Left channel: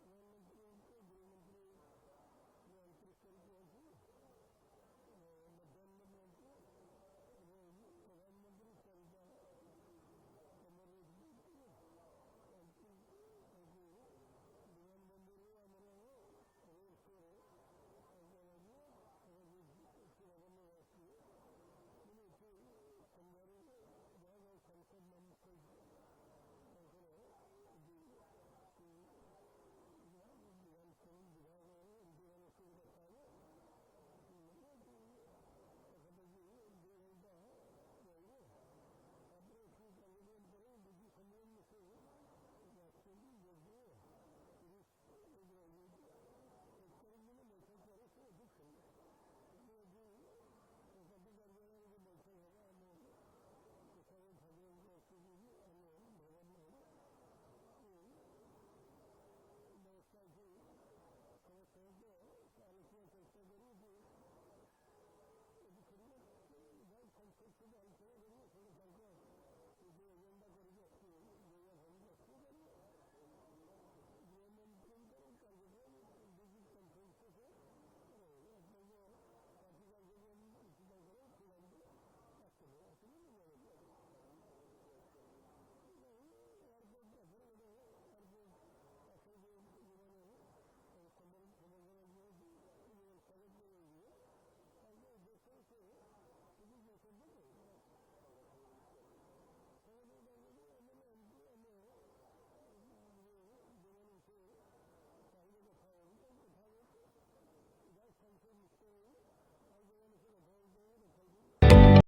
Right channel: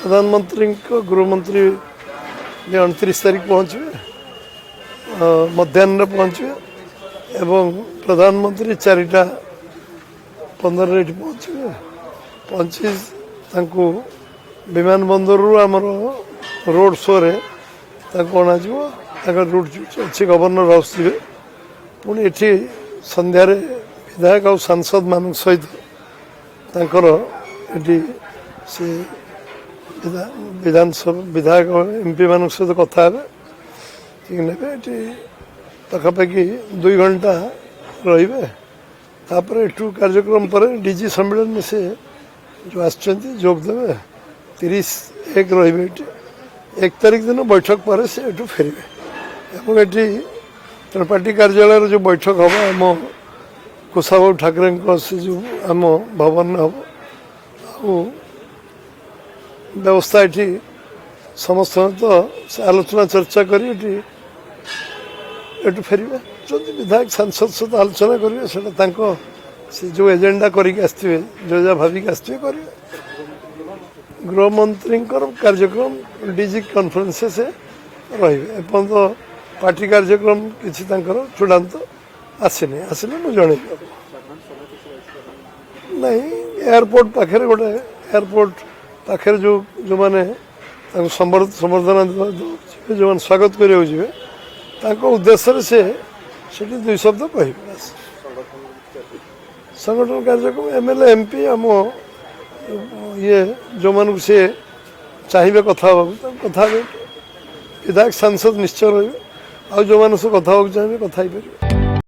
प्रधानमंत्री गृहमंत्री 29 तारीख पहुँचे मध्याह्न पहुँचे एवं प्रधानमंत्री 4:15 पहुँचे पहुँची विमान बंदर आमर रोड शो रे अणाज रूट अच्छे गवर्नर हाउस जी पुणी ये संध्यारे विधायक और सांसद मान सहित से विधानसभा विधायक एमपी मान सहित कथा ने पाखापाखि 2 घंटा रे कार्यक्रम पर डीजी सम्मेलन में से जो आसदेवे 30/1 रे 1 तारीख दिन बैठक पर से फेरबे ये त्रिपाठी कार्यालय जो बैठक हम आम कुशाबाबू ठाकरे से जो आम भवन हम व्यवस्था ये समस्त तो आलोचना चर्चा कर फेरबे जो विधायक सांसद सहित आलोचना करेंगे से जो एजेंडा करके आसवे जो जहाँ भाविक आसवे करेंगे गृहमंत्री कार्यक्रम डीजी कॉन्फ्रेंस से रही तो पार्टी कार्यक्रम किसी चूड़ांत आसनी आसने मुझे जन नहीं एयरपोर्ट पाखे गोटे एयरपोर्ट पाखे जो जो मैंने संबर्धना जो मैंने स्वागत करेंगे उद्देश्य से 2 शब्द कह संगठन कार्यक्रम एमएलए एमपी आम ये जो मान से चाहिए कथा विधायक सांसद निश्चय रही आ जो मान सब कथा चाहिए कथा।